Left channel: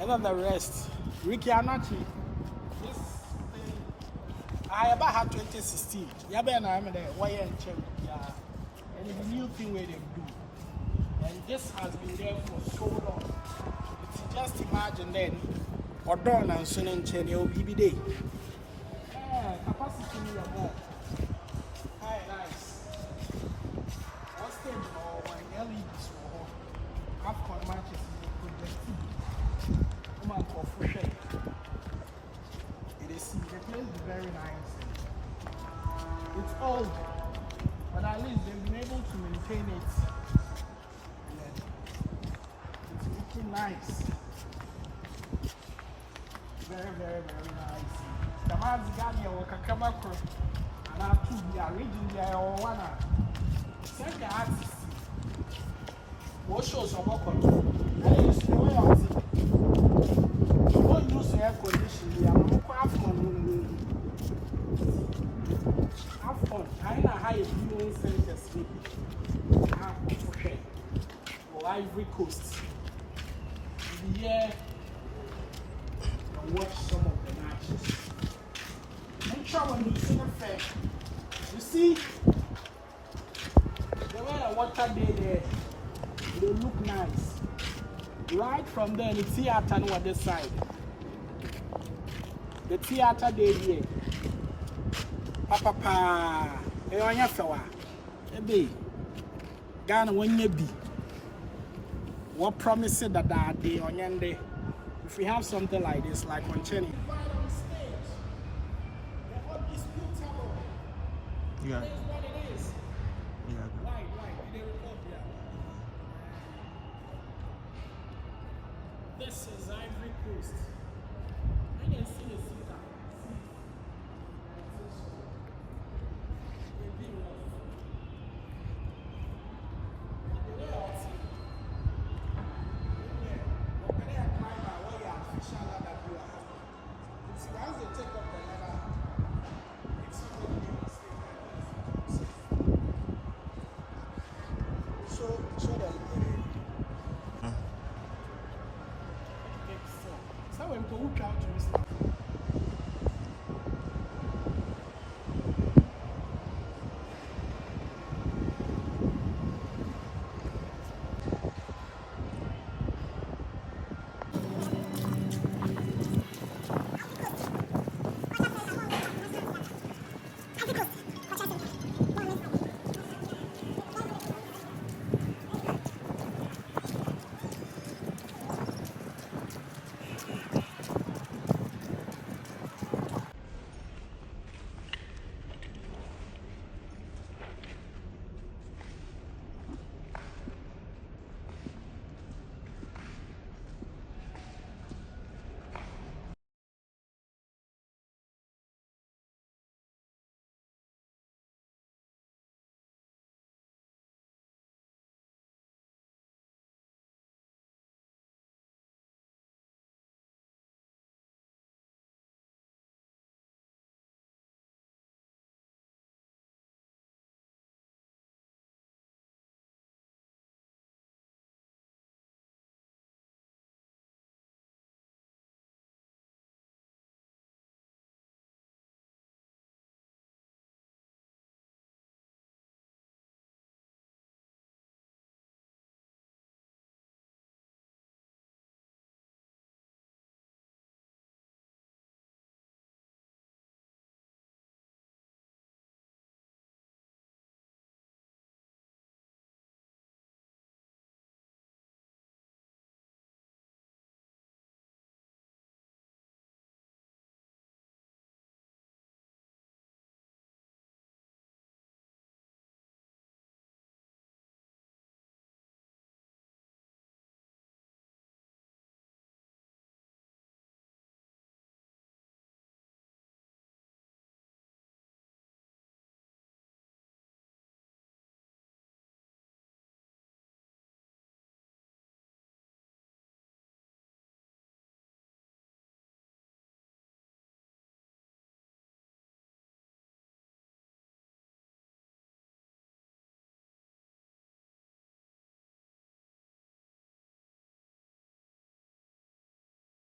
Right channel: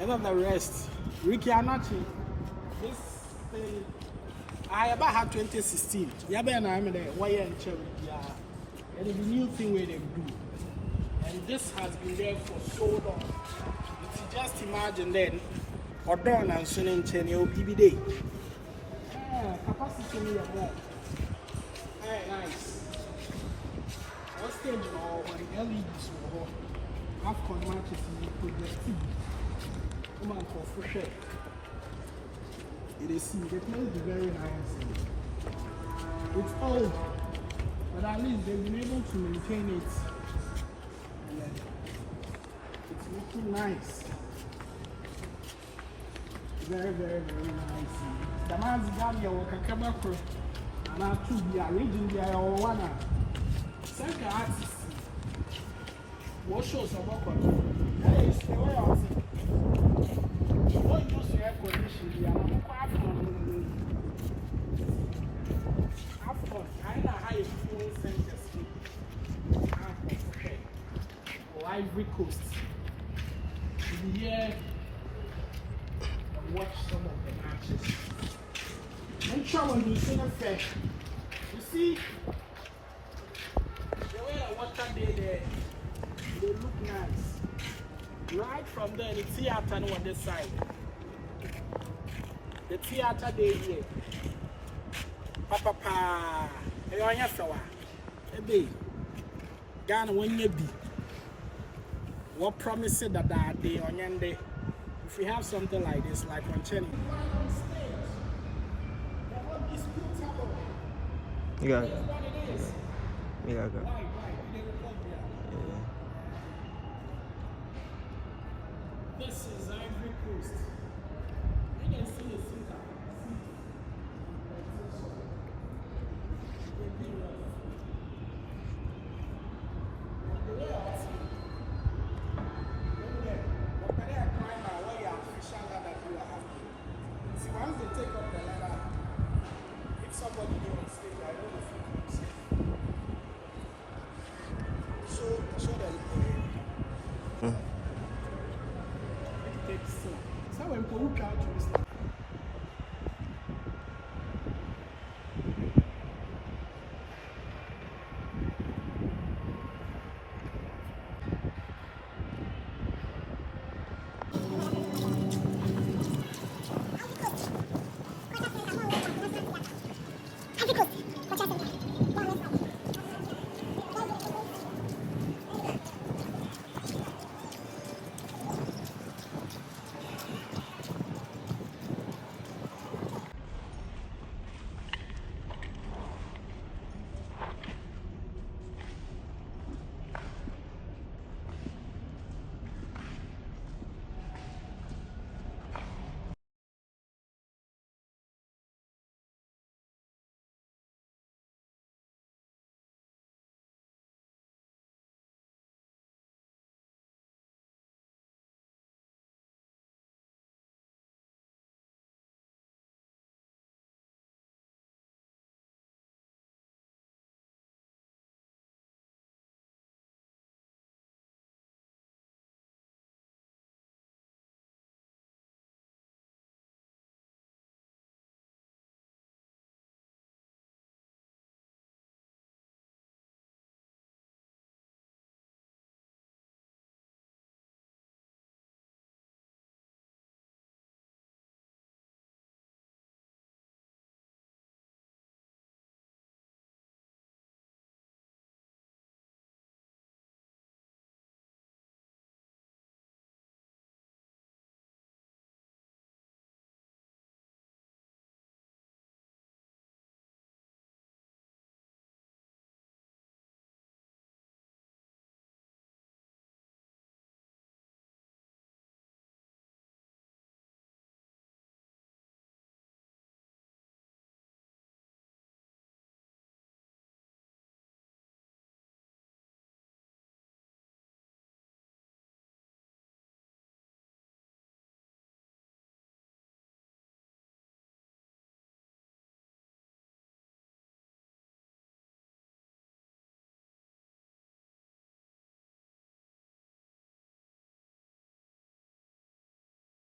and then the rest. Ricky Anachi. This thing, I about had 2016. Yeah, ben I'm in a wire and chair. Yeah, and it's a new thing where they do. And this has been there for so long. If you just imagine then, or done and soon and chain, it will be day. Capacity in your wall. Nice. What stage or when LEDs will have matches in the projective. Woman for fresh air. It is the place is very nice. It's old, but at least they've been able to maintain it. And it's looking nice. Very, very, very nice. The man's got your Kakabako and I to be a region there or one. Second axis. What shows a walk on? Hey, it's the way I say. What use air conditioning? We are half fun. Half fun. I know how you do center sleep. Half of okay. Or Ivory Coast. Yeah. Watch some of the matches. Make sure when you see the fair, you see the way the water day there, they look nice. Right from there, the theater on this side. The theater day here. Papa, I want your flower. Ebe, Ghana when you be. What promises that day on your day? If we have something like this, like on Chenny. You got it. Yeah, I got it. Right. This is Ivory Coast. You can see the thinker. So when people out to